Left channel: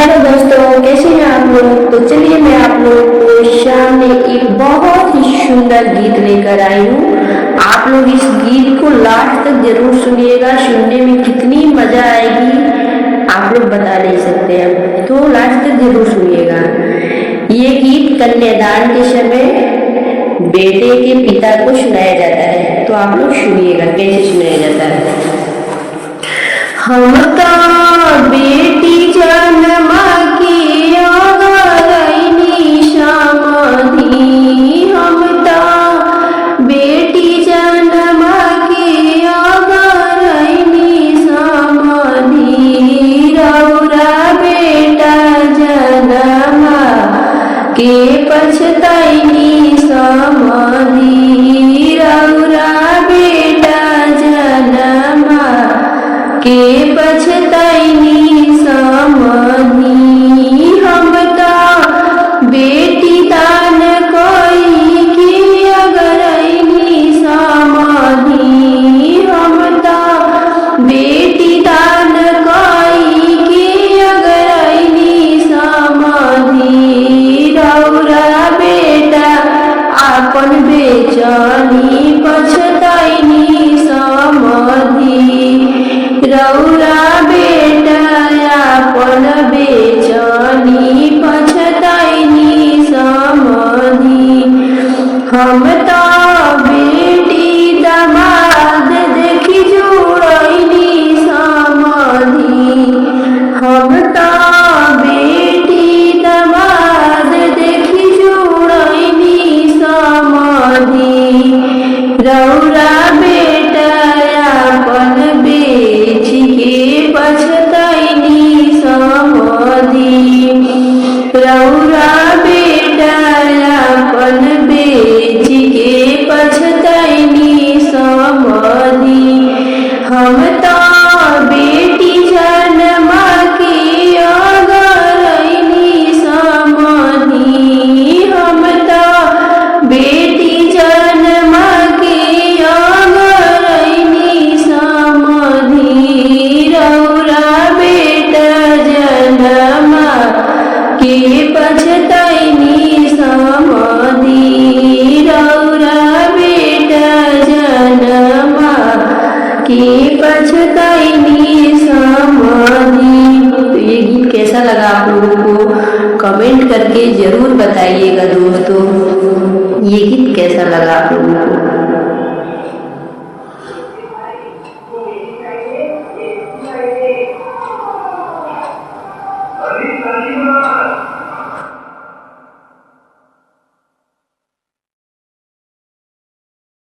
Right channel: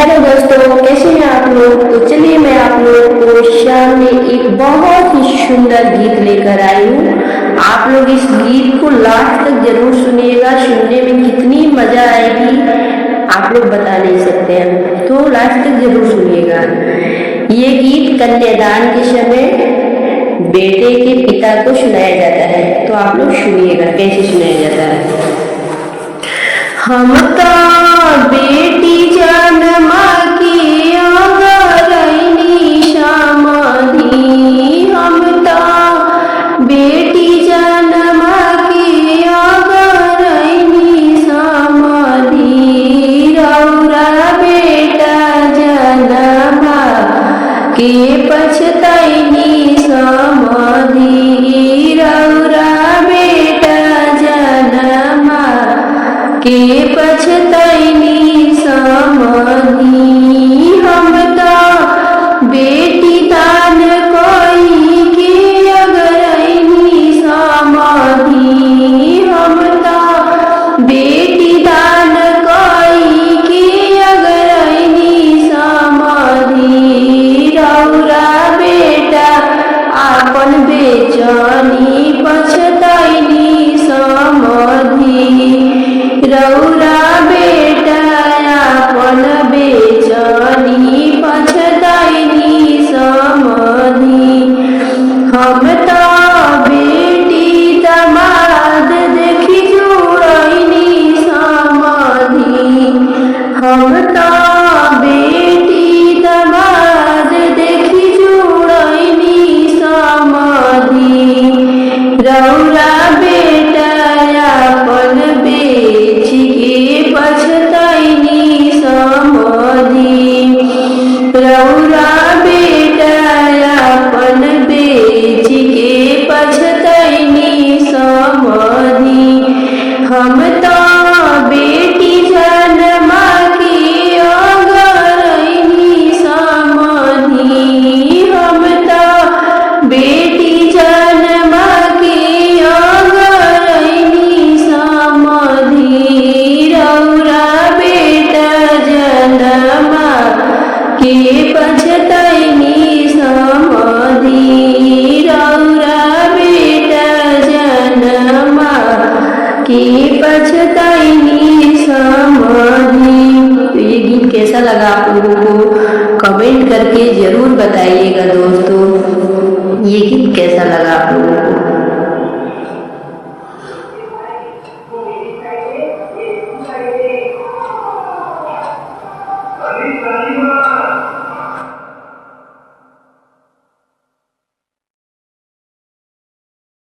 हेलो दोस्तों, कैसे हैं आप लोग। तो चलिए मैं आप लोगों को सामने एक बहुत ही सुंदर गीत लेकर आई हूँ। आप लोग इस गीत को लास्ट तक जरूर सुनिएगा। सुनने में कितनी मजा आएगी आप लोग बता नहीं सकते हैं, तो लास्ट तक जरूर सुनिएगा। ये गीत कन्यादान के समय बेटे के पिता को सुनाया जाता है, तो आप लोग सुनिएगा कैसे सुनाया जाता है। हम तो बेटी जन्मा की अगरैनी समाधि, हम तो बेटी जन्मा की अगरैनी समाधि, रौरा बेटा जन्मा के पछतैनी समाधि, रौरा बेटा जन्मा के पछतैनी समाधि। हम तो बेटी दान कोई की अगरैनी समाधि, हम तो बेटी दान कोई की अगरैनी समाधि, रौरा बेटा आपन बेचनी पछतैनी समाधि, रौरा बेटा आपन बेचनी पछतैनी समाधि। हम तो बेटी दमाद देखी जुड़ैनी समाधि, हम तो बेटी दमाद देखी जुड़ैनी समाधि, रौरा बेटा आपन बेच के पछतैनी समाधि, रौरा बेटा आपन बेच के पछतैनी समाधि। हम तो बेटी जन्मा की अगरैनी समाधि, हम तो बेटी जन्मा की अगरैनी समाधि, रौरा बेटा जन्मा के पछतैनी समाधि, रौरा बेटा जन्मा के पछतैनी समाधि। तो ये गीत कैसा लगा आप लोगों को कमेंट करके जरूर बताइएगा दोस्तों, ये गीत कैसा लगा आप लोगों को।